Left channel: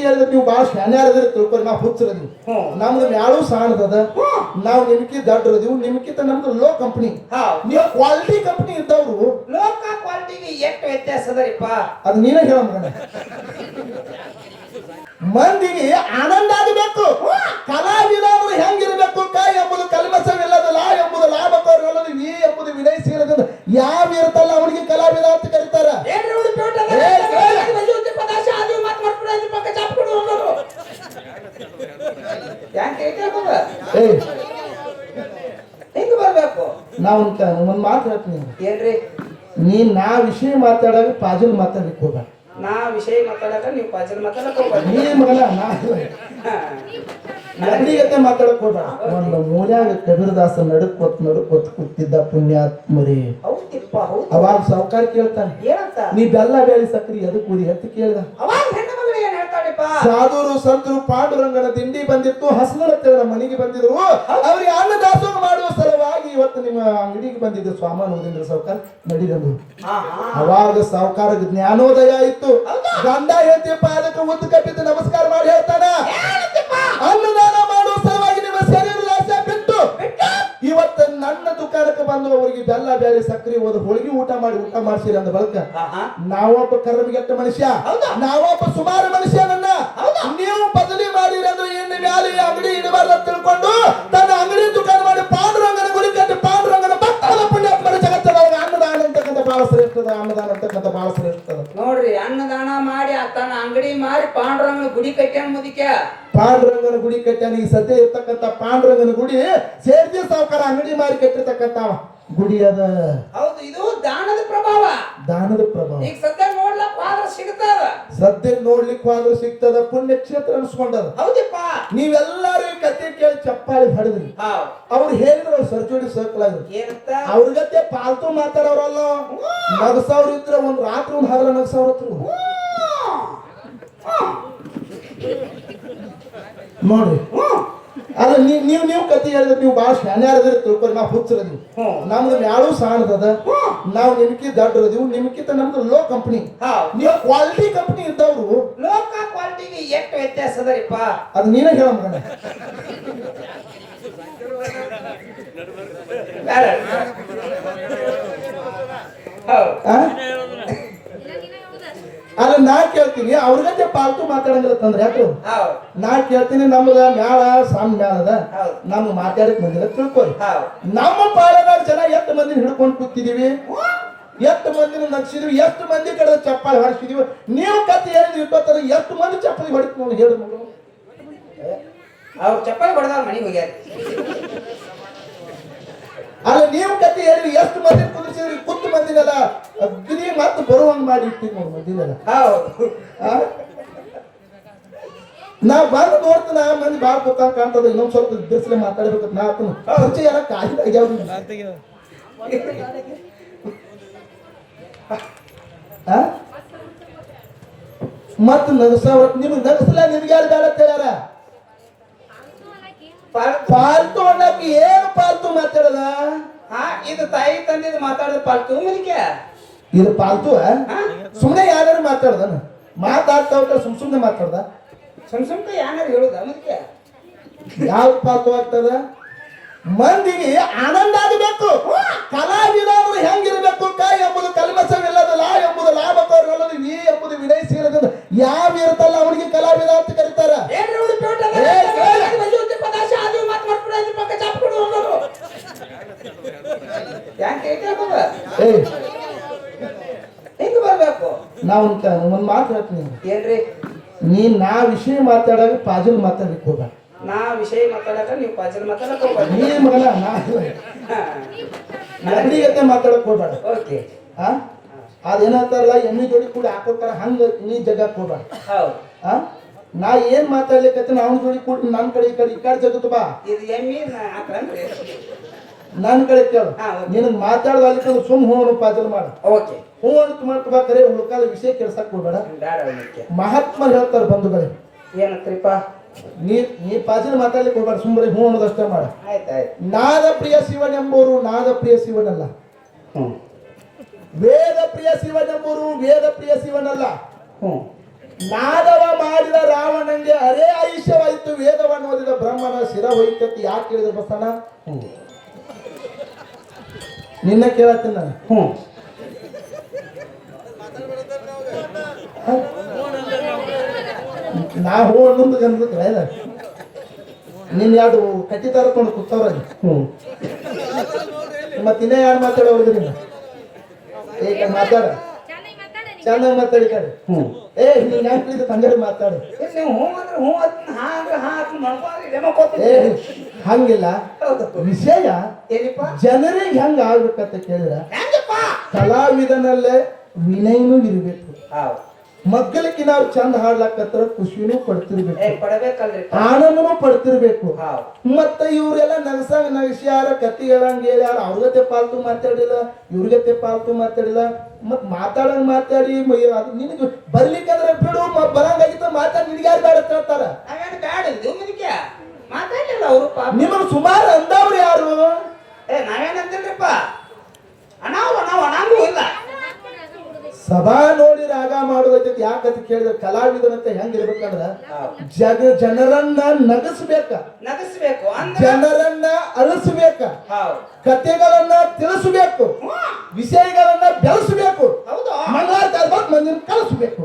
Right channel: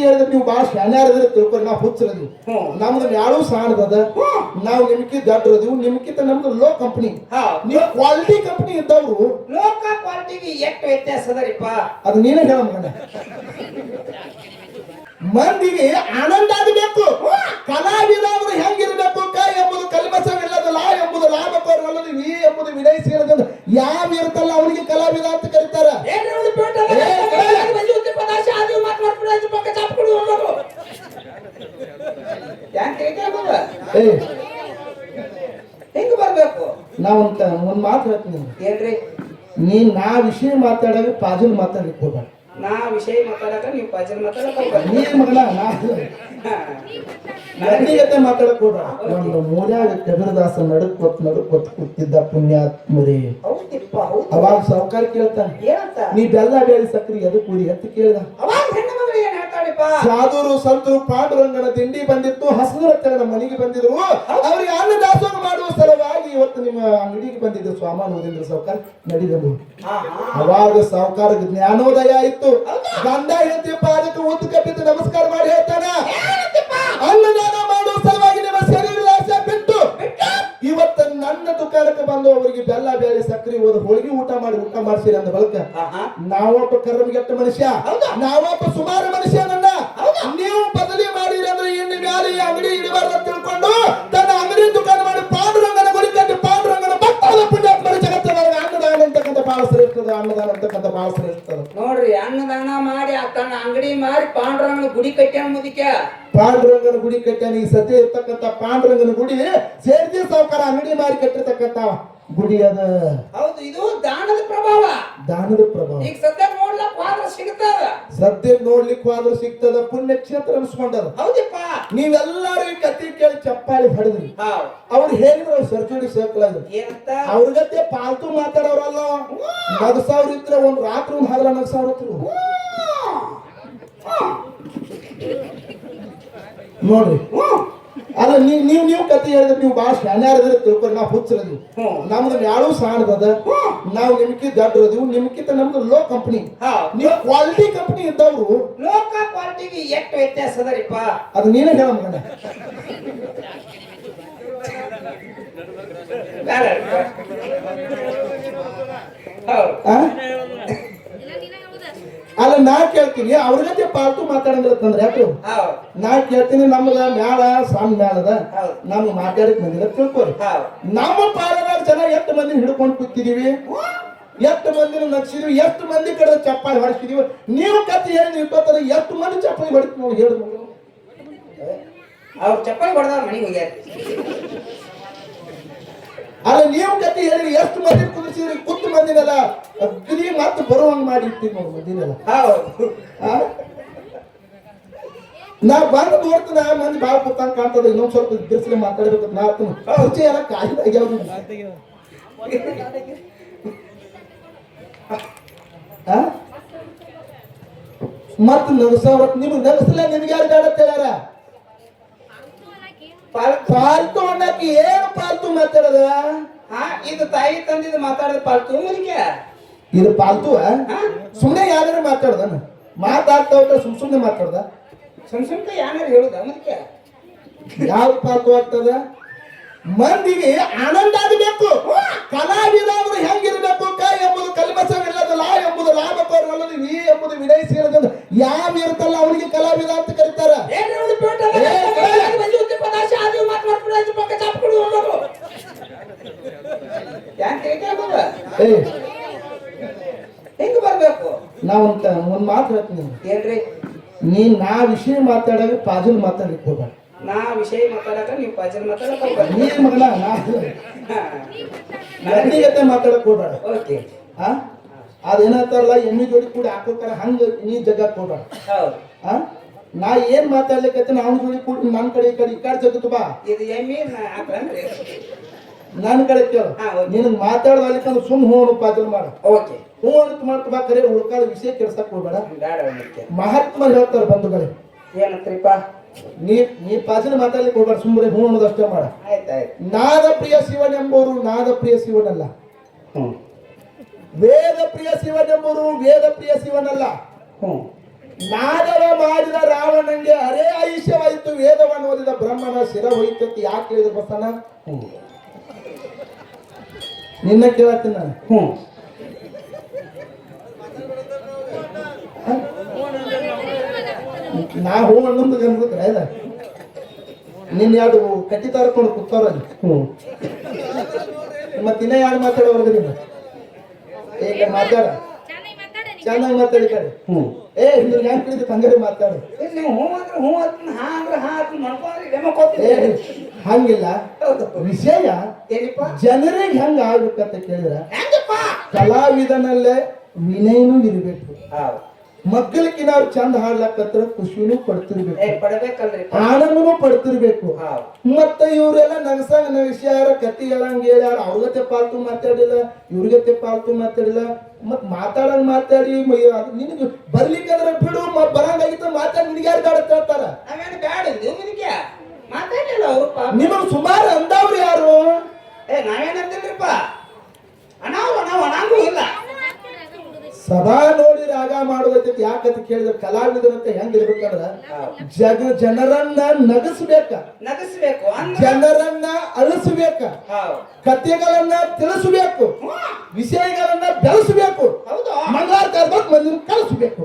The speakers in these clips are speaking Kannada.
ಕತಿ ಹೇಳಿದ್ರೆ ನೀವು ಭಾಳ ಶಾನ್ಯಾರದ್ರೆ ತಿಳ್ಕೊರಿ ನಾವು ಹುಚ್ಚರದೀವಿ. ನಮ್ದು ಮ್ಯಾಳು ಸಾಣದ, ನಾವು ನಿಮ್ಕಿ ದಡ್ರದೀವಿ, ನಿಮ್ಕಿಂತ ನಮ್ದು ಲೋ ಕಂಪನಿ. ನೀವು ಕ್ವಾಲಿಟಿ ಕಂಪನಿ ಇದ್ದವ್ರು ಲೋಕ ಕ್ವಾಲಿಟಿಗೆ ಎಷ್ಟು ವ್ಯತ್ಯಾಸ ಅದರಿಪ್ಪ ಅದು ನೀನೇ ಹೇಳ ಮಗನ. ಮಂದಿಗೆ ಆನಂದ ಆಗಬೇಕು. ಕಲಾವಿದ ಅವರು ಹೆಂಗಿರ್ಬೇಕು? ಕೈ ಎಂಬುದು ಕಲ್ಮಸವಿಲ್ಲದ, ಲಾ ಎಂಬುದು ಲಾಭಕೋರವಲ್ಲದು, ವಿ ಎಂಬುದು ವಿನಯಿಸಿಲ್ಲದ ಯಾವ ಇರುತ್ತಲ್ಲ ಅವನಿಗೆ ಕಲಾವಿದ ಅಂತ ಕರೀತಾರ. ಹೆಂಗ ಬರ್ಬೇಕು? ನಾ ಒಂದ್ ಮಾತು ಹೇಳ್ತೀನಿ. ಏನ್ರಿ? ನೀನ್ ನಾ ವಿಷಯ ಮಾತಾಡೋದು ಪಾಜಲ್ ಮಾತಾಡ್ಲಿಕ್ಕೆ ಹೋಗ. ನಾ ವಿಷಯ ಮಾತಾಡಕ ನೀವು ಪಾಜಲ್ ಮಾತಾಡಕ ನೀನ್ ಮಗನ ನಗಡಿಗತೆ ಮಾತಾಡಕ್ ಹೋಗ. ಒಂದು ಮೂಲ್ಯಾಗ ಕಬೀರದಾಸ ನಡುಕೊತ್ ಕೂತಿದ್ದ ಪುಣ್ಯಾತ್ಮರಿ. ಅವಾಗ ಸಾವುಕಾರ ಕೇಳ್ತಾನೆ, ನೀ ಬೆಲ್ಲ ಬೇಳಿ ಸಕ್ರಿ ಎದು ಕೂಡಿ ಅಂತ ಕೇಳ್ದ. ಸಾಧುರು ಸಂತರು ಪಾಂಡುರಂಗನ ದಿಂಡಿ ಬಂದಿತ್ತು, ಹಸನರ ಮನೆಗೆ ಬಂದಿದ್ರು. ಅವ್ರಿಗೆ ಅನ್ನದಾಸೋಹ ಮಾಡುವ ಸಲುವಾಗಿ ಇವತ್ತು ನಿಮ್ಮ ಅಂಗಡಿಗೆ ಬಂದಿದ್ದು ಸ್ವಾಮಾನ ಹೋದಿಂದ ಸಾವುಕಾರ ನಡಿದಂದು. ಅವಾಗ ಸಾವುಕಾರ ಜ್ಞಾನೋದಯ ಇತ್ತು. ಗಂಡ ಹೇಳ್ತಿ ಪಾದಕ್ಕೆ ಉತ್ತು ಕಪ್ಪಿದ್ದು ನಮಸ್ಕಾರ ಮಾಡಿ ಹೇಳ್ತಾನ, ಅನ್ನದಾನ ಮಾಡುವ ಸಲುವಾಗಿ ನಿಮ್ಮ ಶರೀರದ ಆಸೆ ಬಿಟ್ಟು ಇವತ್ತು ನನ್ನ ದುಕಾನಕ್ಕೆ ಬಂದು ಅವರಿಗೆ ಬೆಲ್ಲ ಬೇಳೆ ಸಕ್ಕರೆ ಹೋದ ಹೋಳಿಗೆ ಊಟ ಮಾಡಿಸಿರಿ ಅಂದ ಬಳಿಕ ನಾವೊಬ್ಬ ಕರ್ಮಗೆಟ್ಟ ಮನುಷ್ಯ, ನಾವೊಬ್ಬ ಸುಮಾರು ಮನುಷ್ಯನನ್ನ ನೀವು ಬದಲಿ ಮಾಡಿರಿ ಅಂದ್ರೆ ಇನ್ನು ಮ್ಯಾಲೆ ಅಂಗಡಿ ಇಡಬಾರ್ದು ಅಂತ ತಿಳ್ಕೊಂಡು ತನ್ನ ಅಂಗಡಿ ದುಕಾನ ಮಾಡಿ ಪಾಂಡುರಂಗನ ಗುಡಿ ಕಟ್ಟಿ ಪಾಂಡುರಂಗನ ಭಕ್ತಗಳ ಪುಣ್ಯಾತ್ಮರ ಜಗತ್ತದೊಳಗೆ ಅನ್ನದಾನ ಅಂತಕ್ಕಂಥ ಬಹಳ ಶ್ರೇಷ್ಠದ. ಅನ್ನದಾನ ಅಂತಕ್ಕಂಥ ಬಹಳ ಶ್ರೇಷ್ಠದ ನೋಡ್ರಿ. ಅನ್ನದಾನ ಮಾಡಿ ತನ್ನ ಅಂಗಡಿ ಮಾರಿ ಪಾಂಡುರಂಗನ ಗುಡಿ ಕಟ್ಟ್ಯಾನ. ಮುದಿಕ ಪಾಂಡುರಂಗನ ಗುಡಿ ಕಟ್ಟ್ಯಾನ. ಈ ಸದ್ಯ ಇರ್ತಕ್ಕಂಥ ಪಾಂಡುರಂಗನ ಗುಡಿ ಸೇರ್ದಿ ಸಾವುಕಾರ ಅಂಗಡಿ ಮಾರಿ ಕಟ್ಟಿರ್ತಕ್ಕಂಥ ಗುಡಿ ಅದ. ಹೌದು, ಇದು ದಾನದ ಪ್ರಭಾವ. ದಾನದ ಪ್ರಭಾವ. ಈಗ ಸದ್ಯ ನೋಡ್ಲಕ್ ಹೋದ್ರ ಸಿಗ್ತದ. ಸದ್ಯ ನೋಡ್ಲಿಕ್ಕೆ ಹೋದ್ರ ಸಿಗ್ತದ. ಪುಣ್ಯ ಕ್ಷೇತ್ರ ಅನ್ಸ್ಕೊಂಡದ. ಹೌದಪ್ಪ. ನೀವೆಲ್ಲರೂ ಈ ಕತೆ ಕೇಳಿ ಚಪ್ಪಾಳಿ ಹೊಡೆದ್ರಿ. ಅವ್ರು ಹೇಳಿದ್ರು ಸರ್ಜೋಡಿ ಸರ್ಕಲ್ ಅವ್ರಿಗತ್ತೆ ಪಾಲ್ತು ಮಾತಾಡೋರಲ್ಲ. ನಗಸವ್ರ ಇದ್ರೆ ಒಂದ್ ರಾತ್ರಿ ಒಂದು ಹಗಲ ನಗಸವ್ರ ನೋಡ್ರಿ. ಅಲ್ಲ ನೀವು ಕತೆ ಹೇಳಿದ್ರೆ ನೀವು ಭಾಳ ಶಾನ್ಯಾರದ್ರೆ ತಿಳ್ಕೊರಿ ನಾವು ಹುಚ್ಚರದೀವಿ. ನಮ್ದು ಮ್ಯಾಳು ಸಾಣದ, ನಾವು ನಿಮ್ಕಿ ದಡ್ರದೀವಿ, ನಿಮ್ಕಿಂತ ನಮ್ದು ಲೋ ಕಂಪನಿ. ನೀವು ಕ್ವಾಲಿಟಿ ಕಂಪನಿ ಇದ್ದವ್ರು ಲೋಕ ಕ್ವಾಲಿಟಿಗೆ ಎಷ್ಟು ವ್ಯತ್ಯಾಸ ಅದರಿಪ್ಪ ಅದು ನೀನೇ ಹೇಳ ಮಗನ. ಅಲ್ಲ ನಾ ಕೇಳ್ತೀನಿ, ಅವ್ರಿಗತ್ತೆ ಪಾಲ್ತು ಮಾತಾಡಂಗಿರತ್ತಂದ್ರೆ ಯಾಕೆ ನಾ ಕೇಳ್ತೀನಿ. ನಮ್ದ ಮ್ಯಾಳ ಸಾಮ್ ಮ್ಯಾಲದ, ನಮ್ ಮಾತಾಡಕ್ ಬಂದಿಲ್ಲ ತಿಳ್ಕೊರಿ. ನಮ್ಮ ಪಾಲದ ಜನ ಎಷ್ಟು ಮಂದಿ ಹಿಡ್ಕೊಂಡು ಕೂತಿದೀವಿ, ಎಷ್ಟು ಮಂದಿನ ನಗ್ಸಿದೀವಿ, ಎಷ್ಟು ಮಂದಿ ಕಡೆ ಚಪ್ಪಾಳಿ ಹೊಡಿಸಿದೀವಿ. ನೀವು ಕತ್ತಿ ಹೇಳಿದ್ವಿ ಇಪ್ಪತ್ತರ ಎಷ್ಟು ಮಂದಿ ಚಪ್ಪಾಳಿ ಹೊಡಿತೀವಿ ನಾವು ಹೇಳ. ಅವ್ರು ಚಪ್ಪಾಳಿ ಹೊಡೆದ ಮನೆಗೆ ಹೋಗ್ಯಾರ. ಅಲ್ಲ ನೀವು ಕತ್ತಿ ಹೇಳಿದ್ರಿ ಎಷ್ಟು ಮಂದಿ ಕುದಿಸಿದ್ರಿ, ಕುತ್ತು ಮಂದಿನೆಲ್ಲ ಅಗ್ನಿ ಮತ್ತೆ ಬರುವಂಗ್ ಮಾಡಿ ಇರ್ತೀವಿ ನೋಡಿ ಮಂದಿನೆಲ್ಲ. ನಾ ಬಂದು ನೋಡ್ತೀನಿ ಮಂದಿ ಬಾಳ ಕೂತಾಗ ಕಾಣ್ತದ. ಇನ್ನೊಂದ್ ಸ್ವಲ್ಪ ಬಿಸಿಲು ಮಾತಾಡ್ಬೇಕಂತ ನಾ ಪರಿಚಯ ಎಲ್ಲ ಕಾಯಿದಾಗ್ಯಾವ. ಮತ್ ನಗಸವ್ರ ನಿಮ್ಗೆ ನಗಸಲ ನಿಮ್ಗೆ ಯಾರು ಬೇಡ ಅಂತ ಹೇಳ್ಯಾರ? ಪಾಲ್ತು ಅನ್ನಕ್ಕೆ ಏನು ಪಾಲ್ತು ಮಾತಾಡದ? ಇದು ತಾಯಿ ತಂದಿದ್ ಮಾತಾಡದ ಪಾಲ್ತು ಮಲಿಕೆ. ಇದು ಪಾಲ್ತು ಸುಮ್ನೆ ಯಾರು ಮಾತಾಡ್ದ? ಮಾತಾಡ್ತಾ ಸುಮ್ನೆ ಮಾತಾಡ್ದ? ಸುಮ್ನೆ ಯಾರು ಹೇಳುದ ಮಲಿಕೆ? ಯಾವ ಪಾಲ್ತು ಆಗ್ತದ? ಮಂದಿಗೆ ಆನಂದ ಆಗಬೇಕು. ಕಲಾವಿದ ಅವರು ಹೆಂಗಿರ್ಬೇಕು? ಕೈ ಎಂಬುದು ಕಲ್ಮಸವಿಲ್ಲದ, ಲಾ ಎಂಬುದು ಲಾಭಕೋರವಲ್ಲದು, ವಿ ಎಂಬುದು ವಿನಯಿಸಿಲ್ಲದ ಯಾವ ಇರುತ್ತಲ್ಲ ಅವನಿಗೆ ಕಲಾವಿದ ಅಂತ ಕರೀತಾರ. ಹೆಂಗ ಬರ್ಬೇಕು? ನಾ ಒಂದ್ ಮಾತು ಹೇಳ್ತೀನಿ. ಏನ್ರಿ? ನೀನ್ ನಾ ವಿಷಯ ಮಾತಾಡೋದು ಪಾಜಲ್ ಮಾತಾಡ್ಲಿಕ್ಕೆ ಹೋಗ. ನಾ ವಿಷಯ ಮಾತಾಡಕ ನೀವು ಪಾಜಲ್ ಮಾತಾಡಕ್ ನೀನ್ ಮಗನ ನಗಡಿಗತೆ ಮಾತಾಡಕ್ ಹೋಗ್ಬೇಡ. ಓಕೆ. ಅದೇನಂತಾರಲ್ಲ ಎಣ್ಣೆ ಜೋಡಿ ಕೂಡ ಹಾಕೋತಾರ ಹಂಗ ನೀ ಜಗಕ್ ಹೋಗ್ಬೇಡ. ನಾ ಏನ್ ಮಾತಾಡ್ಲಿಕ್ಕೆ ನಾವು ಜೋಡಿ ಕೂಡ ನನ್ನ ಕಡೆ ಈ ಕಡೆ ಜಗತ್ತು ಬಾ. ಇದು ಎಮ್ಮಿ ಹಾಕ್ರಂದ್ರೆ ನನ್ನ ಕಡೆ ಕೇಳು. ನಿನ್ ಮಾತಾಡೋದಕ್ಕೆ ಸುಮ್ ಹೂ ಪಾಜಲ್ ಮಾಡ. ಓಕೆ. ಹೂ ಅಂತ ಮಾಡ್ಕೋಬೇಕಾರೆ ಉಳ್ಕಾದ ವಿಷಯ ಕೆಲ್ಸಕ್ ಹೋಗ್ಬೇಡ. ಮಹಾತ್ಮರು ಹೇಳ್ತಾರೆ ಬಂಧುಗಳೇ. ಏನಂತ್ರಿಪ್ಪ? ನೀ ಪಾಜಲ್ ಮಾತಾಡ್ಲಿಕ್ಕೆ ಹೋಗ್ಬೇಡ. ಸುಮ್ಮನೆ ಹೂ ಅನ್ನೋದಷ್ಟೇ ಮಾಡ. ಆಯ್ತಾಯ್ತು. ನಾದ ಪ್ರಿಯ ಶಿವನೆಂಬುವರು ನಾದ ಪ್ರಿಯ ಶಿವನಲ್ಲ. ವೇದ ಪ್ರಿಯ ಶಿವನೆಂಬುವರು ವೇದ ಪ್ರಿಯ ಶಿವನಲ್ಲ. ನಾದವ ಮಾಡಿದ ರಾವಣ ಬ್ರಹ್ಮನ ಶಿರ ಹೋಯ್ತತಿ ಯಾಕೆ ಹೇಳಿದ್ರು ಬಸಣ್ಣ? ನಿನ್ನ ಕೇಳತ್ತೀನಿ ನಾನು. ನಾವು ಅನ್ನೊಂದು ಗಂಧ ನಿನ್ ಯಾವ್ದು ಕಟ್ಟಿ ತರ್ಕೊಂಡು ಕೂತವ್ರ ಮತ್ತಿನ್ನ ಯಾರು ಮಾತಾಡೋದ್ರಿ ನೀನು ಈಗ ಮಾತಾಡ ಚೆನ್ನಾಗಿ ಮಾತಾಡಿ ಕಡೆ ಏ ನೀನ್ ಯಾಕೆ ಹೇಳಿದ ತಂಗಡಿ ಮಾತಾಡು. ಏ ಹಂಗಿಲ್ಲ ವಿಷಯ ಜನರಿಗೆ ಹೆಂಗ ಆಗ್ಬೇಕಂತ ಕೇಳಿದ್ರ ಕಲಾವಿದನಲ್ಲೇ ವಿನಯನೂ ಇರ್ಬೇಕು. ಮಕ್ಕಳಿಗೆ ನಾವು ಚಂದ ಹಾಡ್ಲಕ್ಕತ್ರ ಖುಷಿನೂ ಪಡ್ತಿರ್ಬೇಕು, ಆನಂದನೂ ಪಡ್ತಿರ್ಬೇಕು. ಮತ್ತ ಇವ್ರೆಲ್ಲ ನಗಸ್ಯಾರ ಕತಿ ಹೇಳಂಗ ಹೇಳ್ಯಾರ, ಅವ್ರಗತೆ ಪಾಲ್ತು ಮಾತಾಡಿಲ್ಲ, ಇವ್ರಿಗತೆ ಪಾಲ್ತು ಮಾತಾಡಿಲ್ಲ. ಮತ್ ಮಾತಾಡಂಗ್ ಮಾತಾಡಿ ನಿನಗೆ ಬರ್ಲಿಕ್ಕಂದ್ರೆ ಬಿಡು, ಬರಂಗಾಗಿತ್ತ ಮಾತಾಡಿ ನಿನಗೆ ಯಾರು ಬೇಡ ಹೇಳ್ತಾರ. ನಿಮಗ್ ಸುಮಾರು ಅಂದವ್ರು ಯಾರು? ನಾವೇನಂತಿಲ್ರಿಪ್ಪ, ಅನಾವು ಇಲ್ಲ. ಸಭಾ ನೋಡಿ ರಾಗ ಮಾಡೋದಕ್ಕೆ ಯಾಕಂತ ಕೇಳಿದ್ರೆ ಕಲಾವಿದರಂತ ಹೆಂಗ್ ಇರ್ಬೇಕಂದ್ರ ಜನರನ್ನ ನಗಸ್ಬೇಕ, ಜನರನ್ನ ಅಳಿಸ್ಬೇಕ, ಕಥೆಗಳನ್ನ ತಿಳಿಸ್ಬೇಕು, ವಿಷಯಗಳನ್ನ ಬೆಳೆಸಬೇಕು, ಮಂಗಳಾರಕ್ಕೆ ಮಂದಿನ ಕಳಿಸ್ಬೇಕು.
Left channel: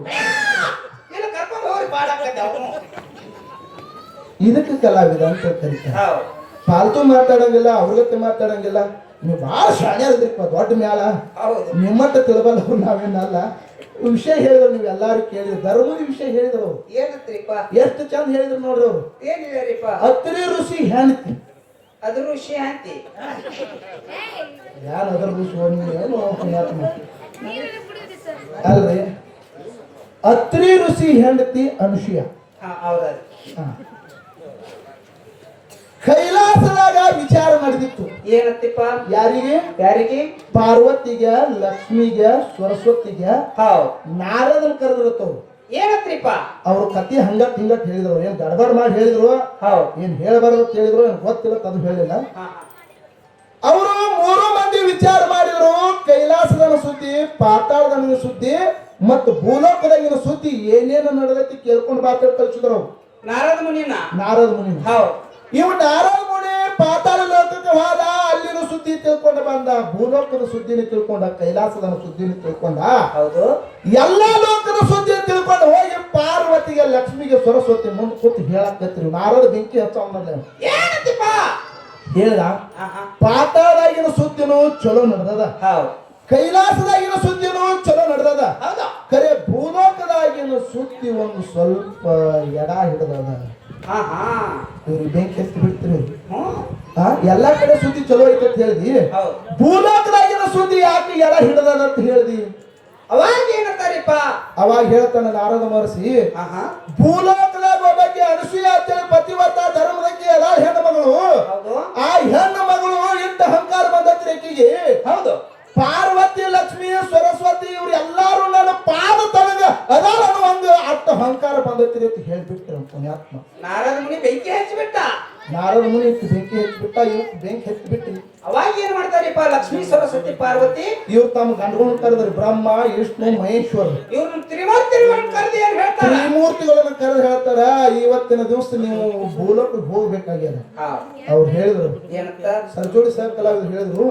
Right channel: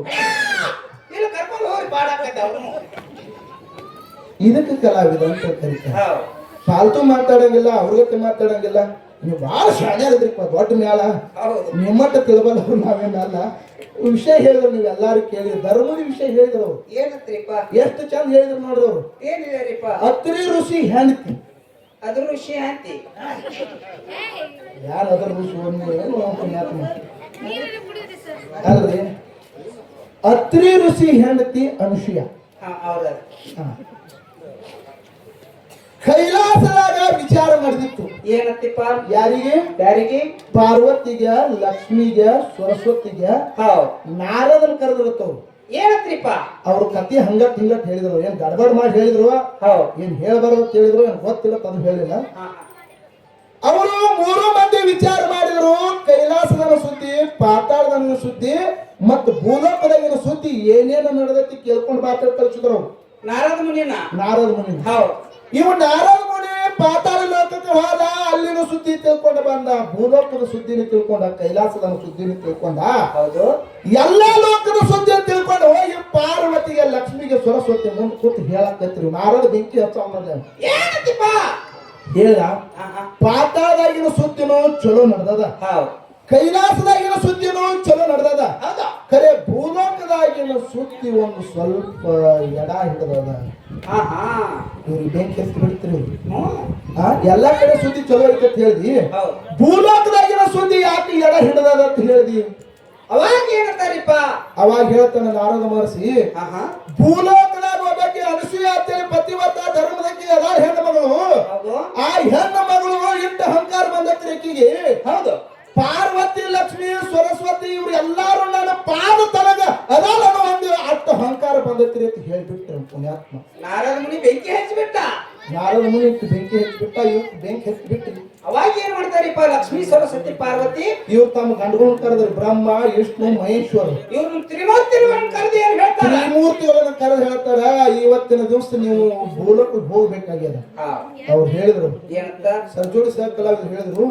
ಇದಕ್ಕೆ ಕಲಾವಿದ ಅಂತ ಕರೀತಾರೆ. ಪಾಲ್ತು ಮಾತಾಡಂಗಿಲ್ಲ, ಅವ್ರಗತ್ತೆ ಮಾತಾಡಂಗಿಲ್ಲ. ನೀವು ಬಹಳ ಶಾಣ್ಯಾರದ್ರಿಪ್ಪ, ದೊಡ್ಡ ಮ್ಯಾಲ ನಿಮ್ಮಂತ ತಿಳ್ಬಲ್ಲ ನಾವೇನಲ್ಲ. ವಿಷಯ ಹೇಳಿದ್ರು ನೀವು ಎಲ್ಲಾರು ಕೇಳಿದ್ರು, ಧರ್ಮದ ವಿಷಯ ಹೇಳಿದ್ರು ಅವ್ರು. ಎಷ್ಟು ಚಂದ ಹೇಳಿದ್ರು ನೋಡ್ರಿ ಅವ್ರು. ಅತ್ರಿ ಋಷಿ ಹೆಂಡತಿ, ಅದ್ರ ಋಷಿ ಹೆಂಡತಿ ಯಾರು ಅದ್ರ ಋಷಿ ಅಲ್ರಿ? ಅತ್ರಿ ಋಷಿ ಹೆಂಡತಿ ಅನುಷಿಯ. ಕೈಲಾಸದಾಗ ವಿಚಾರ ನಡೆದಿತ್ತು. ಏನತ್ತಿಪ್ಪ? ಯಾರಿಗೆ? ಪಾರ್ವತಿಗೆ, ಲಕ್ಷ್ಮಿಗೆ, ಸರಸ್ವತಿಗೆ ನಾರದನ ಕರೆದಿರುತ್ತವ್ರು. ಏನತ್ರಿಪ್ಪ? ಅವ್ರ ಕತಿ ಹಂಗಟ್ ಹಿಂಗಟ್ ಹೇಳಿದ್ರು. ಏನ್ ಗಡಬಡ್ ಮಾಡಿ ಹೇಳಿದ್ರು, ಏನ್ ಹೇಳಬಾರ್ದು ಹೇಳಿದ್ರು, ಏನ್ ಗೊತ್ತಿರತ್ತ ಅದು ಹೇಳಿಲ್ಲ. ಅವರು 3 ಮಂದಿ ವಿಚಾರ ಮಾಡಿದ್ರು. ಕೈಲಾಸದನ ಸುದ್ದಿ, ಪಾತಾಳದನ ಸುದ್ದಿ ಮತ್ತು ಭೂಲೋಕದಾಗಿನ ಸುದ್ದಿ ಏನೇನು ನಡೆದೈತಿ ಕೇಳ್ಕೊಂಡು ಮಾತಾಡ್ ಕಳಿಸಿದ್ರು ಅವ್ರು. ನಾರದ ಮುನಿನ ಇವ್ ನಾರದ ಮುನಿ ಪಾತಾಳ ಲೋಕಕ್ಕೆ ಹೋದ, ಅಲ್ಲಿನ ಸುದ್ದಿ ತಿಳ್ಕೊಂಡ ಬಂದ, ಭೂಲೋಕದ ಸುದ್ದಿನ ತಿಳ್ಕೊಂಡ, ಕೈಲಾಸದ ಸುದ್ದಿನ ತಿಳ್ಕೊಂಡ, ಎಲ್ಲಾ ಲೋಕದ ಸುದ್ದಿ ತಿಳ್ಕೊಂಡ ಹೋಗಿ ಪಾರ್ವತಿಗೆ, ಲಕ್ಷ್ಮಿಗೆ, ಸರಸ್ವತಿ ಮುಂದೆ ಕೂತು ಹೇಳಕತ್ರಿ. ನಾರದ ಬೆಂಕಿ ಹಚ್ಚ ಹೇಳ್ದ, ಪಾತಾಳದಾಗಿನ ಸುದ್ದಿನೂ ಚಲೋ ನಡೆದದ, ಕೈಲಾಸದಾಗಿನ ಸುದ್ದಿನೂ ಚಲೋ ನಡೆದದ, ಖರೆ ಭೂಲೋಕದಾಗಿನ ಸುದ್ದಿ ಒಂದು ಸ್ವಲ್ಪ ಎಡ ಹಿಡಿದದ. ಇವ್ರಿಗೆ ಬೆಂಕಿ ಹಚ್ಚಿ ಬಿಡ್ತೀರಿ. ಎಲ್ಲಾ ಕಡೆ ಸುದ್ದಿ ಚಲೋ ಐತೆ ಅಂತ ಹೇಳಿದಿ, ಭೂಲೋಕದಾಗಿನ ಸುದ್ದಿ ಯಾಕೆ ಎಡ ಹಿಡಿದದ ಅಂತ ಹೇಳಿದಿ. ಅವಾಗ ಏನಂತಾರಿಪ್ಪ? ಅವಾಗ ಹೇಳ್ತಾನೆ ನಾರದ ಮಹರ್ಷಿ, ಭೂಲೋಕದಾಗ ಒಬ್ಬಕ್ಕೆ ಅನಸೂಯ ಅಂತೇಳಿ ಪತಿವರ್ತ ಧರ್ಮದಕ್ಕೆ ಎಲ್ಲ ಹೆಣ್ಣು ಮಗಳು, ಆ ಹೆಣ್ಣು ಮಗಳು ಇಂತ ಅಹಂಕಾರ ಬಂದತ್ರಿ ಆಕಿಗೆ. ಹೌದು, ಪಾರ್ವತಿ, ಲಕ್ಷ್ಮಿ, ಸರಸ್ವತಿ ಇವ್ರು ಎಲ್ಲಾರು ನನ್ನ ಪಾದ ತನಗ ಅದಾರ ಹಂಗ ಅಷ್ಟು ಅಹಂಕಾರ ಬಂದತ್ರಿ ಅಂತ ಹೇಳ್ಬಿಟ್ರಿ ಪುಣ್ಯಾತ್ಮ. ನಾರದ ಮುನಿ ಬೆಂಕಿ ಹಚ್ಚಿಬಿಟ್ಟ. ನಾರದ ಮುನಿ ಬೆಂಕಿ ಹಚ್ಚಿಬಿಟ್ಟ, ಇವ್ ಬೆಂಕಿ ಹಚ್ಚಿಬಿಟ್ರಿ. ಅವಾಗ ಏನ್ ಮಾಡ್ತಾರಿಪ್ಪ? ಲಕ್ಷ್ಮೀ, ಸರಸ್ವತಿ, ಪಾರ್ವತಿ ಇವ್ರು ತಮ್ಮ ಗಂಡಗಳನ್ನ ಕರೆದ್ರಿ, ಬ್ರಹ್ಮ, ವಿಷ್ಣು, ಮಹೇಶ್ವರ. ಇವ್ರು ತ್ರಿಮೂರ್ತಿಗಳನ್ನು ಕರೆದು ಏನ್ ಹೇಳ್ತಾರ? ತ್ರಿಮೂರ್ತಿಗಳನ್ನ ಕರೆದು ಹೇಳ್ತಾರ, ಇವತ್ತಿನ ದಿವಸ ನೀವು ಭೂಲೋಕಕ್ಕೆ ಹೋಗ್ಬೇಕಾಗ್ಯದ. ಅವ್ರು ಹೇಳಿದ್ರು, ಏನಂತ? ಸರ್ಜೋಡಿ ಸಾಹೇಬ್ ಕಲಾವಿದ್ರು ಹೇಳಿದ್ರು,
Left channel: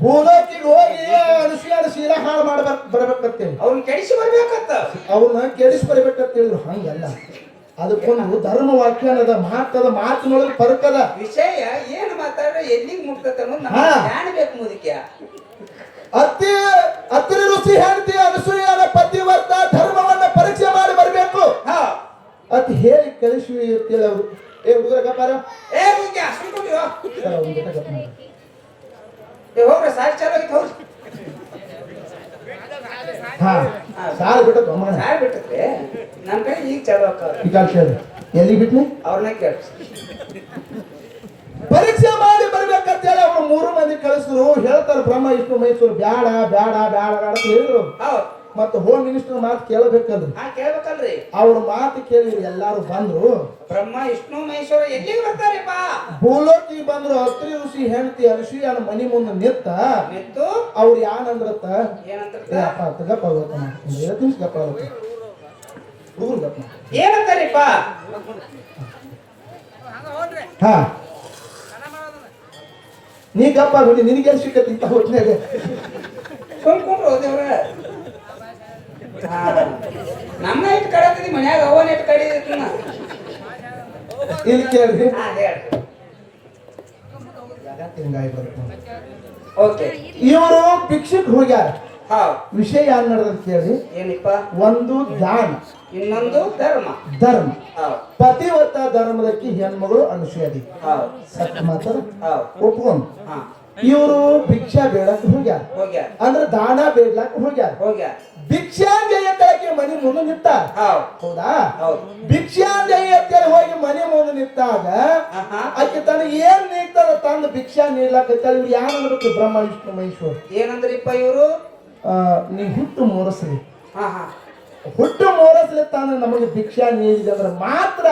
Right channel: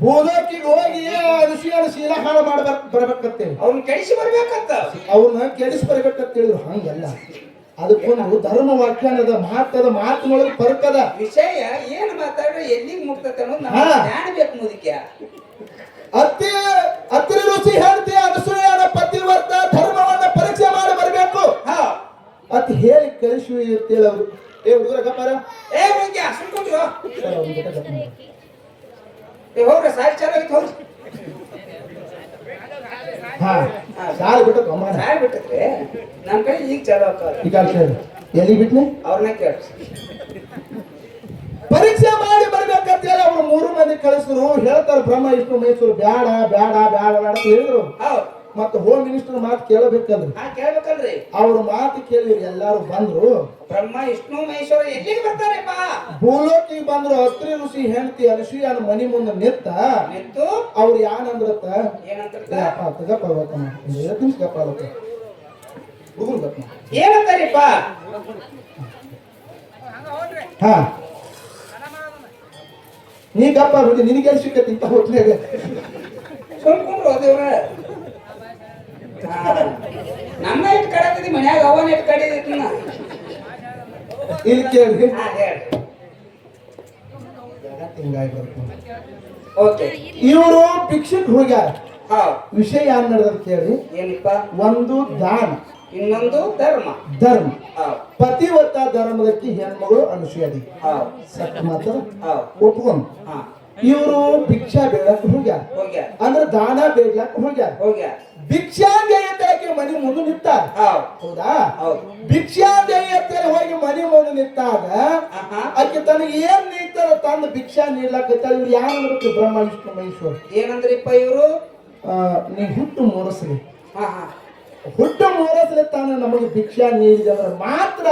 ಭೂಲೋಕಿಗೆ ಹೋಗಿ ಅನುಸೂಯನ ಶೀಲ ಹಾಳು ಬರ್ಬೇಕಂತೇಳಿ, ಅವ್ರನ್ನ ಕೆಡಿಸಿ ಬರ್ಬೇಕಂತ, ಅವ್ರನ್ನ ಕೆಡಿಸಿ ಬರ್ಬೇಕಂತ ಹೇಳಿದ್ರು. ಹಂಗಲ್ಲ, ಅದಕ್ಕೊಂದು ಧರ್ಮ ವ್ಯಾಖ್ಯಾನದ ಮಾತದ, ಮಾತಿನೊಳಗೆ ಪರಕದ ವಿಷಯ ಏನು ಮಾತಾಡ್ರೆ ಎಲ್ಲಿಗೆ ಮುಟ್ತತೆ ಅನ್ನೋದು ನಮ್ಗೆ ಜ್ಞಾನ ಬೇಕು. ಮುದುಕ್ಯ ಅತ್ರಿ ಋಷಿ ಹೆಂಡತಿ ಅನುಸೂಯನ ಪತಿವರ್ತ ಧರ್ಮವನ್ನ ಪರೀಕ್ಷೆ ಮಾಡಿ ಬರಬೇಕು ಅಂತ ಹೇಳಿ ಕಳಿಸಿ ಅಂತೇಳಿ ಅವರು. ಏ ಹುಡುಗರ ಗಪ್ಪಾರ, ಏ ಮುದುಕ್ಯ ಹೋಗ್ರ ಸಾಯಿ ಚಾಲ ಹೋಗ್ರಿ. ಸಾಲ ಬಿಟ್ಟು ಸಾಯಿ ಬಿಟ್ಟೆ ನಮ್ ಕಡೆ ಈಗ ಚಾಲು ಎಲ್ಲಿ ಬಿಟ್ನಿ ಅವ್ರನ್ನ ಕೇಳ. ಪರೀಕ್ಷೆ ಮಾಡಿ ಬರ್ಬೇಕಂತ ಹೇಳಿ ಅವ್ರು 3 ಮಂದಿ ಕಳಿಸಿದ್ರು. ಹೇಳ್ತಾರ ಬ್ರಹ್ಮ, ವಿಷ್ಣು, ಮಹೇಶ್ವರ ಬ್ಯಾಡ ಬ್ಯಾಡ ಬ್ಯಾಡ ಅಂತ ಹೇಳಿದ್ರು. ಮತ್ತೆ ಹೋಮ್ ಮಿನಿಸ್ಟರ್ ಮಾತು ಕೇಳಬೇಕಂದ್ರಿ. ಕೇಳ್ಬೇಕಲ್ರಿ? ಅವ್ರ ಮಾತು ಕೇಳಿ ಎಲ್ಲಾರು ಬಂದ್ರು. ಬ್ರಹ್ಮ, ವಿಷ್ಣು, ಮಹೇಶ್ವರ ಎಲ್ಲಿಗೆ ಬರ್ತಾರಪ್ಪ? ಭೂಲೋಕಿಗೆ ಬಂದ್ರು. ಅತ್ರಿ ಋಷಿ ಹೆಂಡತಿ ಅನುಸೂಯನ ಮನಿ ಮುಂದೆ ನಿಂತು ಅವ್ರು ಏನಂದ್ರತ್ತ, ಏನಂತಾರಿಪ್ಪ? ಹಾ ನೀಗಪ್ಪ ಬಿಡಿ ನಿನಗೆ ಸಿಕ್ಕತ್ತೆ ಇಂತ ಹೊತ್ನ್ಯಾಗ ಸುಮ್ಕೊಂಡ್ರು ದೇವ್ರ ನನ್ನ ಇಟ್ಟು ಕಡತದಿ ಮನ್ಯಾಗ ಅವನ ಇಟ್ಟು ಕಡಿದೈತಿ ನಾ ಇಲ್ಲಿ ಕೇಳ್ರಿ ಹೇಳಿ ಓಕೆ ಇವರು ಭಿಕ್ಷಕ್ ಹೋಗ್ಯಾರ ಹೌದು ವಿಷಯ ಏನ್ ನಡೆದ ಕೇಳಿ ಏನಿಪ್ಪ ಒಂದು ದಾನ ಇನ್ನೊಂದು ಧರ್ಮ ಧರ್ಮ ಹೌದು ಪತಿವ್ರತ ಧರ್ಮದಕ್ಕೆ ಹೆಣ್ಮಗಳು ಅನುಸೂಯದಿ ಹೌದು ಸತ್ಯ ಮಾತ್ರ ಹೌದು ಒಪ್ಕೊಂಡು ಹಾ ಇವರು ಭಿಕ್ಷಾ ಬೇಡಕ್ ಹೋಗ್ಯಾರ ಹೋಗ್ಯಾರ ಅಂದ್ರೆ ದಾನ ಬೇಡ್ಲಕ್ ಹೋಗ್ಯಾರ ಹೋಗ್ಯಾರ ಭಿಕ್ಷಾಂಜಯ ತಳಕ್ಕೆ ಮನೆ ಮುಂದೆ ನಿಂತಾರ ಹೌದು ಹೌದಾ ಹೌದು ಭಿಕ್ಷಾಂಜಯ ತಲೆ ಹೋಗಿ ಮನೆ ಮುಂದೆ ನಿಂತಾಗ ಆಹಾ. ಆಕೆ ತನಗೆ ಏನ್ ನೀಡ್ತಾರ ತಂದು ಭಿಕ್ಷಾ ನೀಡ್ಲಾಕತ್ತಾಳ ಇವ್ರು ಯಾರು ಅನ್ಬೇಕು ಬ್ರಹ್ಮ ವಿಷ್ಣು ಮಹೇಶ್ವರ ಏನಂದ್ರಿಪ್ಪ ಇವರು ನೀ ಹುಟ್ಟು ಮೂರಸ್ರಿ ಹಾ ಹಾ ಹುಟ್ಟು ಮೂರಸ್ರಿ ತಾನು ನಮಗೆ ಭಿಕ್ಷಾ ನೀಡಿದ ಅಂದ್ರೆ ಮಾತ್ರ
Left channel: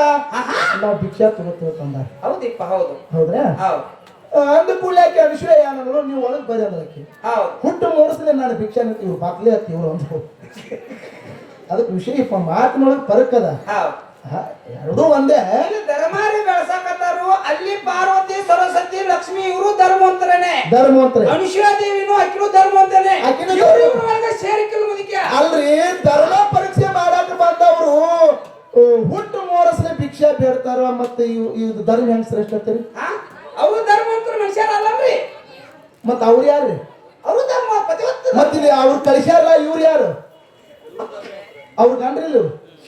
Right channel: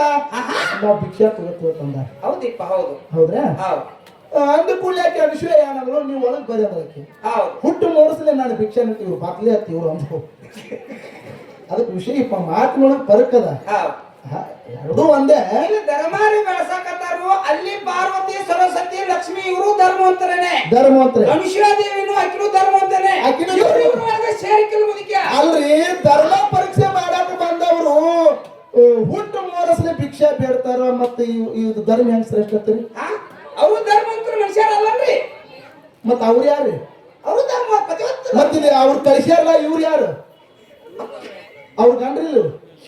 ನಾವು ಭಿಕ್ಷಾ ತಗೋತೀವಿ ತಂದಾರ ಹೌದಿಪ್ಪ ಹೌದು ಹೌದ್ರಾ ಹೌದು ಅಂದ ಕೂಡ್ಲಾಕೆ ವಿಷಯ ಏನಂದ್ರು ನೀವು ಒಳಗೆ ಬರೀ ಅದಕ್ಕೆ ಹೌದು ಹುಟ್ಟು ಮೂರಸ್ಲೆ ನಾನು ಭಿಕ್ಷಾ ನೀಡ್ತೀವಿ ಇವ್ರು ಬಾಕ್ಲೆ ಹತ್ತಿ ಇವ್ರು ಅಂದ್ರು ಅದಕ್ಕೆ ವಿಷಯ ಮಾತಿನೊಳಗೆ ಪರಕದ ಹೌದು ಎರಡೂ ಒಂದೇ ಇಲ್ಲಿ ಧರ್ಮಾರಿ ಬೆಳಸಾಕತ್ತಾರು ಅಲ್ಲಿ ಪಾರ್ವತಿ ಸರಸ್ವತಿ ಲಕ್ಷ್ಮಿ ಇವರು ಧರ್ಮವಂತರನೇ ಧರ್ಮವಂತ್ರೆ ದೇವಿನೂ ಆಕಿನೂ ಧರ್ಮವಂತನೇ ಆಕಿನೂ ಇವ್ರಿಬ್ರೊಳಗೆ ಸೇರಿಕೆಲ್ಲ ಮುದುಕ್ಯ ಅಲ್ರಿ ಧರ್ಮ ಪರೀಕ್ಷೆ ಮಾಡಾಕ ಬಂದವರು ಹುಟ್ಟು ಮೂರಸ್ಲೆ ಭಿಕ್ಷಾ ಬೇಡ್ತಾರ ಮತ್ತೆ ಇದು ಧರ್ಮ ಹೆಂಗ್ ಶ್ರೇಷ್ಠ ಅಂತೀರಿ ಅವ್ರು ಧರ್ಮವಂತರ ಮನುಷ್ಯರಲ್ಲನ್ರಿ ಮತ್ತ ಅವ್ರು ಯಾರು ಅವರು ಧರ್ಮ ಪತಿವತ್ತ ಮತ್ತಿಲ್ಲಿ ಅವ್ರು ಕಳಿಸ್ಯಾರಲ್ಲ ಇವ್ರು ಯಾರು ಅವ್ರು ಗಂಡ್ರಿಲ್ಲ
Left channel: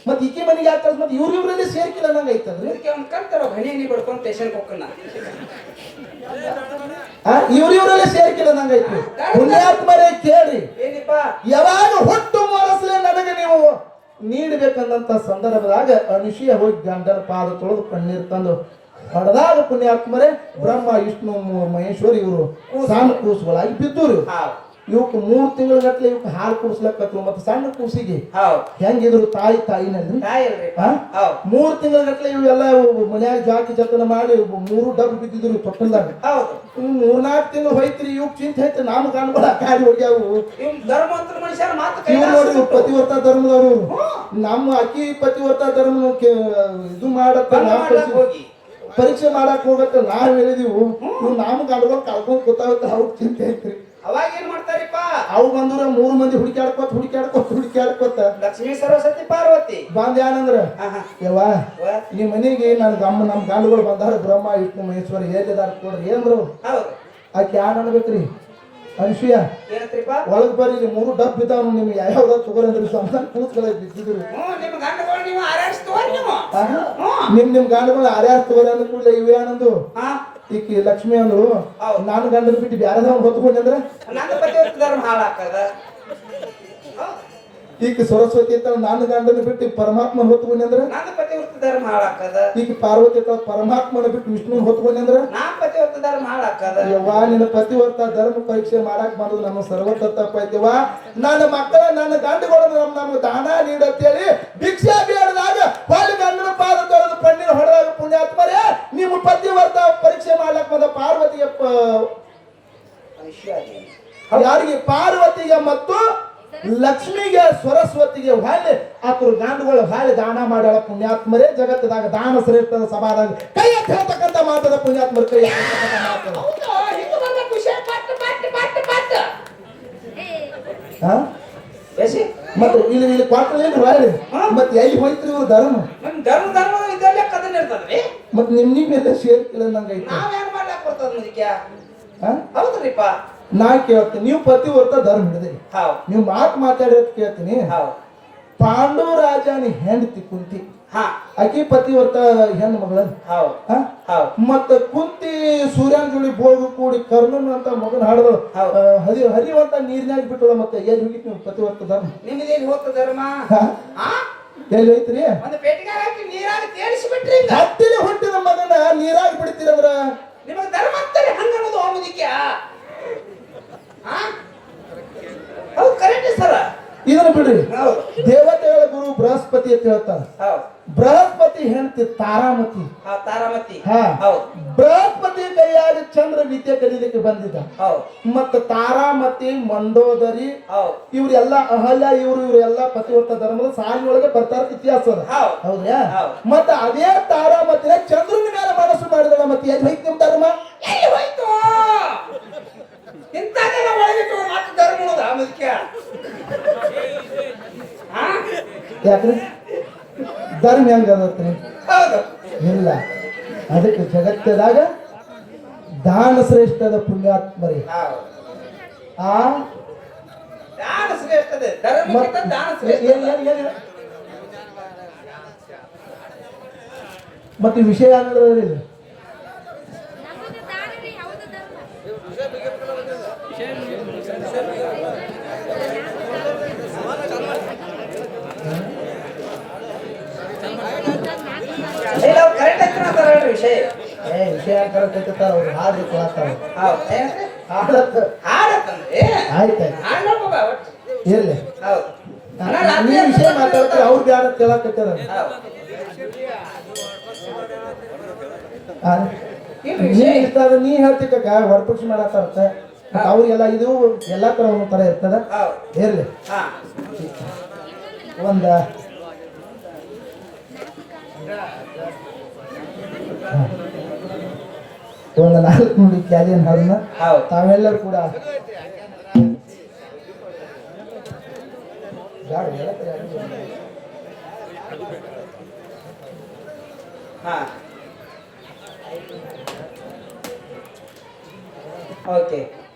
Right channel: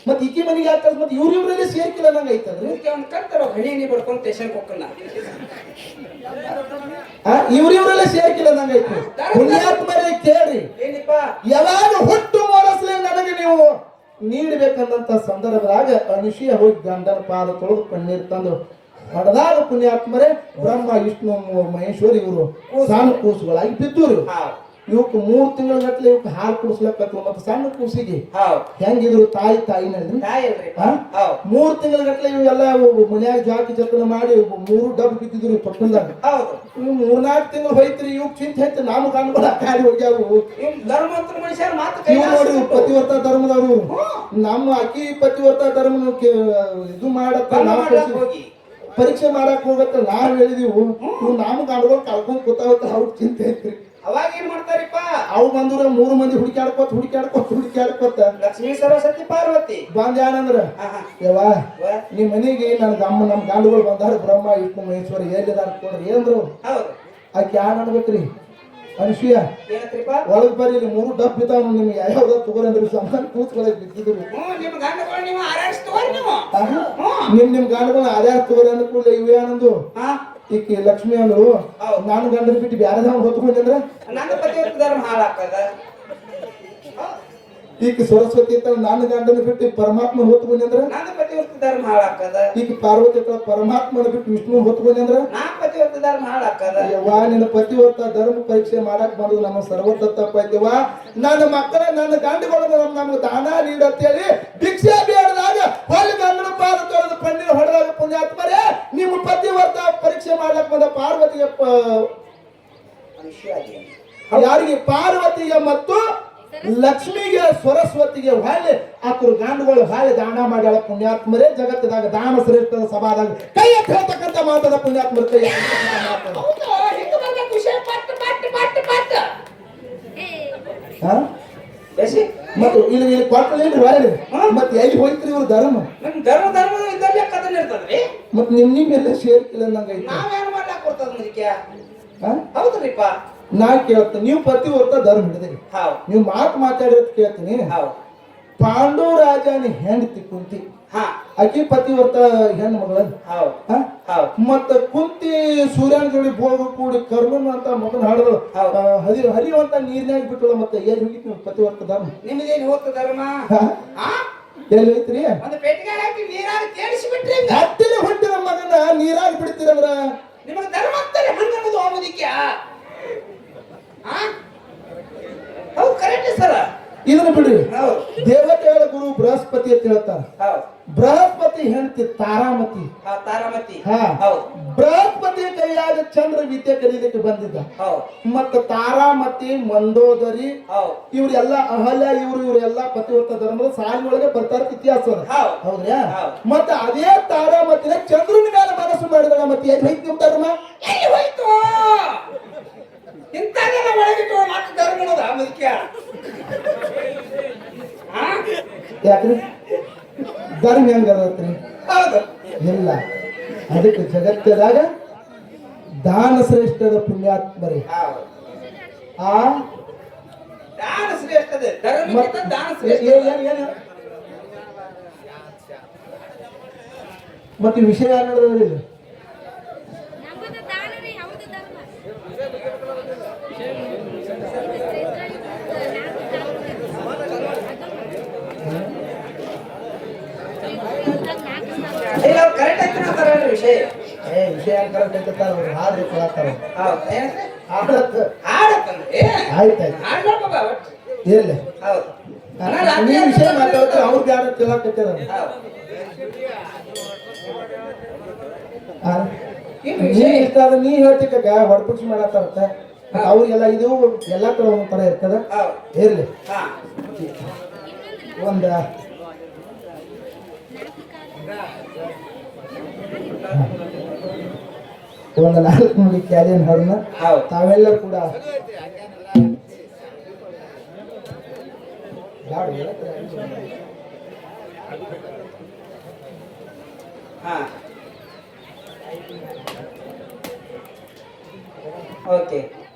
ಮತ್ ಈಕಿ ಮನೆಗೆ ಯಾಕೆ ಮತ್ತೆ ಇವ್ರಲ್ಲಿ ಸೇರ್ಕಿಲ್ಲ ನಂಗೆ ಐತಂದ್ರಿ ಅವ್ನು ಕರ್ತಾರ ಹಣಿ ನೀ ಬಿಡ್ಕೊಂಡು ಸ್ಟೇಷನ್ ಹೋಗ್ಕನ ಇವ್ರಲ್ಲೇ ಸೇರ್ಕಿಲ್ಲ ನಂಗೆ ಐತಿ ಪುಣ್ಯಾತ್ಮರೇ ಕೇಳಿ ಏನಿಪ್ಪ ಯಾವಾಗ ಹುಟ್ಟು ಮೂರಸ್ಲೆ ನನಗೆ ನೀವು ನೀಡಬೇಕಂದಂತ ಸಂದರ್ಭದಾಗ ಅನುಷಿಯ ಹೋಗಿ ಗಂಡನ ಪಾದ ತೊಳೆದು ಕಣ್ಣೀರು ತಂದು ಹೊಡೆದಾಗ ಪುಣ್ಯಾತ್ಮರೇ ಬ್ರಹ್ಮ ವಿಷ್ಣು ಮಹೇಶ್ವರಿ ಇವರು ಸಣ್ಣ ಕೂಸುಗಳಾಗಿ ಬಿದ್ದರು ಇವಕ್ಕೆ 3 ತಿಂಗಳ ಗಟ್ಟಲೆ ಇವಕ್ಕೆ ಹಾಲು ಕುಡಿಸ್ಲಕ್ಕತ್ರು ಮತ್ತೆ ಸಣ್ಣ ಕೂಸಿಗೆ ಹೆಂಗಿದ್ರು ತಾಯಿನಲ್ಲಿ 3 ತಿಂಗಳ ಗಟ್ಟಲೆ ಇವೆಲ್ಲ ಮನ್ಯಾಗ ಜಾತಿ ಜತನ ಮಾಡಿ 3 ಡಬ್ಬ ಬಿದ್ದಿದ್ರು ತೊಟ್ಟಲ್ದಾಗ ಇವ್ 3-4 ತಿಂಗಳು ಹೋಯ್ತ್ರಿ ಇವ್ ಚಿಂತೆ ಐತೆ ನಾನು ಕಾಣ್ಕೊಳ ಕಾಲಿ ಹೋಗ್ಯಾವು ಧರ್ಮವಂತರ ಮನುಷ್ಯರ ಮಾತು ಇವ್ ನೋಡಿ ಪತಿವ್ರತ ಧರ್ಮದವರು ನಮ್ಮ ಅಕ್ಕಿ ಪತಿವ್ರತ ಧರ್ಮ ಇದು ಮಾಡತ್ತ ಪರೀಕ್ಷೆ ಮಾಡಕ್ ಹೋಗತ್ತ ನಾವ್ ಹೇಳಿದೀವು ಇವ್ ನಾಮ ಕಾಣ್ಕೊಂಡು ಕಳ್ಕೊಂಡ್ ಕೂತಾವತ್ತ ಅವ್ರ ಚಿಂತೆ ಐತ್ರಿ ಅವಾಗ ಏನ್ ಮಾಡ್ತಾರಿಪ್ಪ ಅವು ಬಂದ್ರ 3 ಮಂದಿ ಹುಡುಕ್ಯಾಡ್ಕೋತ ಲಕ್ಷ್ಮೀ ಸರಸ್ವತಿ ಪಾರ್ವತಿ ಬಂದ ಏನಂದ್ರ ಯವ್ವ ನಿಮ್ ಮನೆಗೆ ನಮ್ ಗಾಂಡುಗಳು ಬಂದಾರ ಬ್ರಹ್ಮ ವಿಷ್ಣು ಮಹೇಶ್ವರ ಹೇಳಿದಾರ ಕೊಡ್ರಿ ಏನ್ರು ಹೌದು ಆಕೆ ಯಾರು ಅನ್ಬೇಕ್ರಿ ಅನುಸೂಯ ಏನಂತ್ರಿಪ್ಪ ಒಳಗ್ ಬರ್ರಿ ಇಲ್ಲಿ 3 ಡಬ್ ಬಿದ್ದಾವ ನಿಮ್ಗೆ ಯಾವ್ಯಾವ ತಗೋರಂದ್ರಿ ಸ್ವಂತ ಕೂತ್ಕೊಳ್ಳ ಬಿದ್ದಿದ್ರು ನಿಮ್ ಗಂಡಗಳು ನೀವು ಆರ್ಎಸ್ ತಗೋರಿ ನೀವು ನಿಮ್ ಗಾಂಡುಗಳು ಯಾರ್ಯಾರು ತಗೋರಿ ಅಂದ ಕೂಡಲೇ ಇವೆ ಏನಂದು ಈಕಿ ಲಕ್ಷ್ಮಿ ಅಂದ್ರು ನಾನು ಗಂಡನ ಬಿಟ್ಟು ಬ್ಯಾರದವ್ ಹೊತ್ಕೊಂಡ್ರೆ ನನ್ನ ಪತಿವ್ರತ ಧರ್ಮ ಹಾಳಾಕದ ಈಕಿ ಸರಸ್ವತಿ ಅಂತ ನಾನು ಗಂಡನ ಬಿಟ್ಟು ಪರಮಾತ್ಮ ಹೊತ್ಕೊಂಡ್ರೆ ನನ್ನ ಪತಿವ್ರತ ಧರ್ಮ ಹಾಳಾಕದ ಈಕಿ ಪಾರ್ವತಿ ಅಂತ ಪರಮಾತ್ಮನ ಬಿಟ್ಟು ವಿಷ್ಣು ಹೊತ್ಕೊಂಡ್ರೆ ನಾ ಪತಿವ್ರತ ಧರ್ಮ ಹಾಳಾಕದ ಯವ್ವ ನಿನ್ನ ಪತಿವ್ರತ ಧರ್ಮ ಪರೀಕ್ಷೆ ಮಾಡಕ್ ಬಂದು ನಮ್ಮ ಸರ್ವತ ತಪ್ಪೈತಿವ ನನ್ನ ಮಕ್ಕಳ ನನ್ನ ಗಂಡುಗಳು ನಮ್ಗೆ ದಾನ ನೀಡತ್ತೇಳಿ ಭಿಕ್ಷೆ ಬೇಡದಾಗ ಹೊಳ್ಳಿ ಗಂಡನ ಪಾದ ತೊಳೆದು ಕಣ್ಣಿನ ಹೊಡೆದಾಗ ಪುಣ್ಯಾತ್ಮರೇ ನಿಮ್ಮ ಪತಿವ್ರತ ಪರೀಕ್ಷೆ ಮಾಡ್ಲಕ್ ಬಂದ ಪಾರ್ವತಿಗೆ ಯಾರಿಗೆ ಪಾರ್ವತಿಗೆ ಮತ್ತು ಲಕ್ಷ್ಮಿಗೆ ಸರಸ್ವತಿಗೆ ಹೊಳ್ಳಿ ಆತರು ಗಾಂಡುಗಳು ಹೊಳ್ಳಿ ದಾನ ಮಾಡ್ಯಾಳ ಪುಣ್ಯಾತ್ಮರೇ ಜಗತ್ತದಾಗ ದಾನ ಶ್ರೇಷ್ಠದ ಸಭಾದಾಗ ಕೈ ಎತ್ತಿ ಹೇಳ್ತಕ್ಕಂಥ ಮಾತದ ಪುಣ್ಯಾತ್ಮರ ಕೈ ಮತ್ತೆ ಇಲ್ಲಿ ಕೊಟ್ಟಲೇನು ಹೊಳ್ಳಿ ಮತ್ತೆ ಎಲ್ಲಿ ಹೋಯ್ತ್ರಿ ಇವ್ರು ಧರ್ಮ ನಮ್ ಧರ್ಮ ಇದ್ದಲ್ಲೇ ಕದನ್ ಇರ್ತದ್ರಿ ಮತ್ತೆ ನಿಮ್ಮೆಲ್ಲ ಸೇರ್ಕಿಲ್ಲ ನಂಗೈತಿ ನಾವೇನ್ ಮಾಡ್ಲಾಕ್ ಬರ್ತದ ಮುದಿಕ್ಯ ಹೌದ್ರಿಪ್ಪ ನಾ ಕೇಳ್ತೀನಿ ನೀವು ಪತಿವ್ರತ ಧರ್ಮ ಹಿಡಿದ್ರಿ ನೀವು ಮಾತಾಡಿರೋದು ಕೇಳ್ತೀನಿ ಪಾಂಡು ರಾಜನ ಹೆಂಡತಿ ಕುಂತಿ ಆಕಿ ಪತಿವ್ರತ ಹೆಣ್ಣು ಮಗಳ ಮತ್ತ ಕುಂತಿ ಸೂರ್ಯನ ಜೋಡಿ ಬೋಗು ಕೂಡಿ ಕರ್ಮನ್ ಅಂತ ಮಗನ ಹಾಡಿದ್ರು ಹರಿಯುವಂತ ನೀರ್ನಾಗ ಬಿಟ್ಟಳ ಮತ್ತೆ ಎಲ್ಲಿ ಹೋಗಿತ್ತು ನೀವು ಪತಿವ್ರತ ಧರ್ಮ ನಿಮ್ಗೆ ಎಲ್ಲಿ ಹೋಗ್ತ ಧರ್ಮ ಎಲ್ಲಿ ಹೋಯ್ತ್ರಿ ಒಂದು ಪೆಟ್ಟಿಗೆ ಹಾಕಿ ನೀರಾಗ ತೇರಿಸಿ ಬಿಟ್ರಿ ಹತ್ತಿನ ಹುಟ್ಟಿನ ಮಗನ ನೀರಾಗಿ ಬಿಡ್ತೀರಂದ್ರ ನಿಮಗೆ ಧರ್ಮ ಆಗ್ತಾರೆ ಹಂಗನ್ನೋದು ಹೋಗೋದಿಕ್ಕೆ ಹೌದು ಕರೆಕ್ಟ್ ಸರ ಇದನ್ನ ಬಿಡ್ರಿ ದೇವತೆಗಳ ಗುರು ಬೃಹಸ್ಪತಿ ಅಂತ ಹೇಳ್ತಾರ ಬೃಹಸ್ಪತಿ ಹೆಂಡತಿ ತಾರಾಮತಿ ಬೃಹಸ್ಪತಿ ಕೈಯಾಗ ಚಂದ್ರ ವಿದ್ಯೆ ಕಲೀಲಿಕ್ಕೆ ಬಂದಿದ್ದ ಮತ್ತ ತಾರಾಮತಿ ಮಂಡೋದರಿ ಇವ್ರೆಲ್ಲ ಅಹಲ್ಯ ಇವ್ರೆಲ್ಲ ಪತಿವ್ರತ ಧರ್ಮದ ಸಾಲಿ ಒಳಗೆ ಬರ್ತಾರ ಇತಿಹಾಸ ಅದ ಹೌದ್ರಾ ಮತ್ತ ಅದೇ ತಾರಾಮತಿನ ಚಂದ್ರನ ಮೇಲೆ ಮನಸ್ಸು ಮಾಡಿದಲ್ಲ ಮತ್ತೆ ಎಲ್ಲಿ ಹೋಯ್ತು ನಿಮ್ ಧರ್ಮ? ಎಲ್ಲಿ ಹೋಯ್ತು ಇಂಥದ್ದೆಲ್ಲ ಒಳಗಿಟ್ಟು ಮತ್ತೆ ಧರ್ಮ ಅನ್ನೋದ ಮುಖ್ಯ ಯಾಕ್ರಿ ಧರ್ಮ ಹೆಂಗ ಅದತ್ರಿ? ಹೌದು ಇಲ್ಲ, ಅದಕ್ಕೆ ಜಗತ್ತದಾಗ ದಾನ ಶ್ರೇಷ್ಠದ ಪುಣ್ಯಾತ್ಮರಿ. ಆ ದಾನ ಶ್ರೇಷ್ಠದೆ ಧರ್ಮಕ್ಕಿಂತ ದಾನ ಶ್ರೇಷ್ಠ. ಮತ್ತೆ ವಿಷಯ ಅನ್ನೋದ್ರಲ್ಲಿ ನಮ್ಮದು ದಾನ ರೀ, ಹೌದು ಧರ್ಮ. ಇಲ್ಲ ಕರೆಕ್ಟ್ ಆಗಿ ಅಂತಾರ ಹೇಳ್ರಿ ವಿಷಯ. ವಿಷಯ ಕರೆಕ್ಟಾರ ಅವ್ರು ಹಾಡು ಕೇಳತ್ತಾರ. ಹೌದು ಏನ್ರಿ ಹಾಡತ್ತ ಆಡತ್ತಂದ್ರೆ ಆಯ್ತಾಯ್ತು ಆಡ್ಬೇಕು ಬಾ ಒಟ್ಟು. ಇರ್ಲಿ. ಹೌದು ನೀವು ವಿಷಯ ಮಾತಾಡ್ತಾರೆ ಅವ್ರು ಯಾರು ಕೇಳಕತ್ತಾರ. ನೀ ಇಷ್ಟ ಆದ್ರೆ ನೀ ಹೇಳ್ತಿಕ್ಕ ಹೊರಪುಕ್ಷ ಮಾಡತ್ತ ಅವ್ರಿಗೆಲ್ಲ ಇದು ಎಲ್ಲಾ ತರ ಒಂದ್ ತರ ಇರ್ತದ. ಇರ್ಲಿ, ಒಂದ ಒಂದು 4 ನುಡಿ ಕ್ಯಾಲಿಯನ್ ಹಾಡನ್ನ ತಾವೆಲ್ಲರೂ ಕೂಡ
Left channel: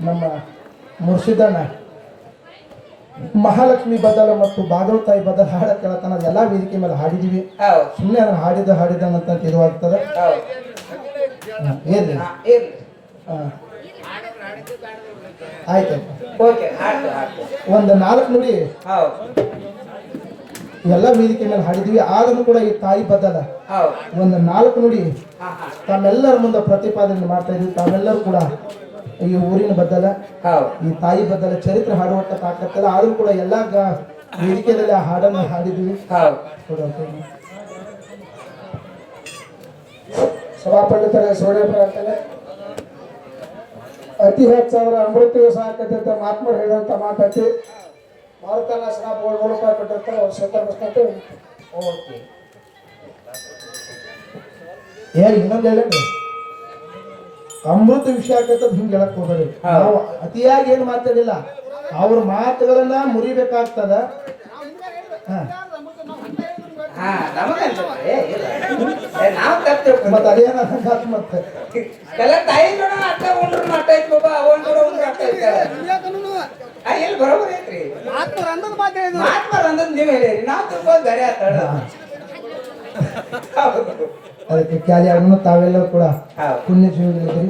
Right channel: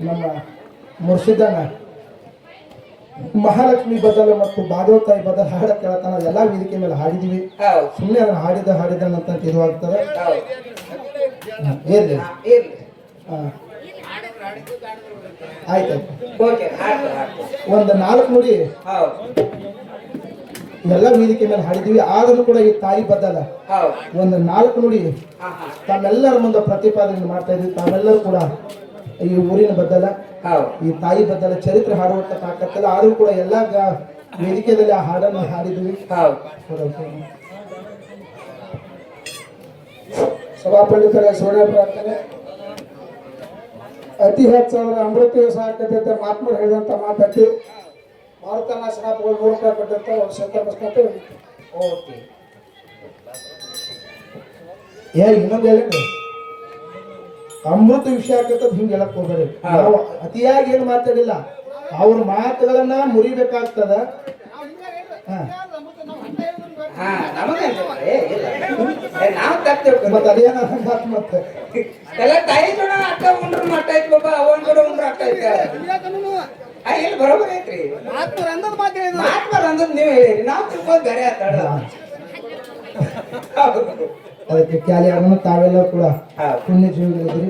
ನಮ್ಮ ಮುರ್ಷಿದನ ಮಹಾಲಕ್ಷ್ಮಿ ಬದಲ ಮತ್ತು ಬಾದವತಾಯಿ ಬದಲ ಹಾಡ ಕೇಳತಾನ ಎಲ್ಲಾ ವೇದಿಕೆ ಮೇಲೆ ಹಾಡಿದೀವಿ. ಸುಮ್ಮನೆ ಅದನ್ನ ಹಾಡಿದನಂತ ತಿಳಿವಾಗ್ತದ. ಏನ್ರಿ ಆಯ್ತಾಯ್ತು. ಒಂದು 4 ನುಡಿ ಎಲ್ಲ ವೇದಿಕೆ ಮೇಲೆ ಹಾಡಿದೀವಿ. ಆದ್ರೂ ಕೂಡ ಈ ತಾಯಿ ಬದಲ ಒಂದು 4 ನುಡಿ ತಾವೆಲ್ಲರ ಮುಂದೆ ಪ್ರತಿಪಾದನೆ ಮಾಡ್ತಾ ಇದೀವಿ. ತಾವೆಲ್ಲರೂ ಕೂಡ ಈ ಊರಿನ ಬದಲ ಈ ತಾಯಿ ಬದಲ ಚರಿತ್ರೆ ಹಾಡುವಂತ ತಾಕತ್ತಲ್ಲ. ಆದ್ರೂ ಕೂಡ ಎಲ್ಲ ವೇದಿಕೆಯಲ್ಲಿ ಆ ಹಾಡನ್ನು ಹಾಡಿದ್ವಿ. ಸಭಾಪಂಡಿತರ ಸೋಣೇಶ್ವರ ಅಂತಾನೆ ಅತಿ ಹೆಚ್ಚಾದ್ರೆ ಅಮೃತ ದಿವಸ ಆಗ್ತೈತೆ ಅಂತ ಮಹಾತ್ಮರು ಹೇಳಿದಂತ ಮಾತೈತಿ. ಭಾರತನ ಸಭಾಪಗಳು ನೋಡ್ಕೊಟ್ಟಿರ್ತಾರೆ ಅವ್ರು ಸತ್ಯ ಬಸ್ಕಂತ. ಓಕೆ, ಇನ್ನೊಂದು ಹೇಳಿ ಅಮೃತ ವಿಷಯ ಆಗ್ತದ ಹಿಂಗೆ ಹೇಳಕ್ ಹೋಗ್ಬೇಡಿ. ನಾವು ಅತಿಯಾಗಿ ಏನು ಮಾತಾಡಿಲ್ಲ, ಅವ್ರ ಮಾತುಗಳನ್ನ ಮುರಿಬೇಕಾಗ್ತದ. ಮತ್ತೆ ಅದೇನ ಮತ್ತೆ ಎಲ್ಲ ತಾಯಿ ಜೋಡ ಅಕ್ಕ ಉಂಡ್ರು ಮಟ್ಟ ಐತ್ ಬಾಬಾ, ಅವನ್ ಜೋಡ ಉಂಡ್ರು ಅಕ್ಕ ಐತ. ಎಲ್ಲಿ ಬರೋಬರ್ ಐತ್ರಿ ಮಾತ್ಮರ್ ಅಂದದ್ ನೀವು ಹೇಳಿರಿ, ನಾವು ತಿಳ್ಕೊಂಡ್ ಬೇರೆ ಆತಾಡ. ಅದಕ್ಕೆ ಕ್ಯಾಲಿ ಅಣ್ಣ ತಾವೆಲ್ಲ ಕೂಡ ಪುಣ್ಯ ಜೀವಿಗಳಿದ್ರಿ.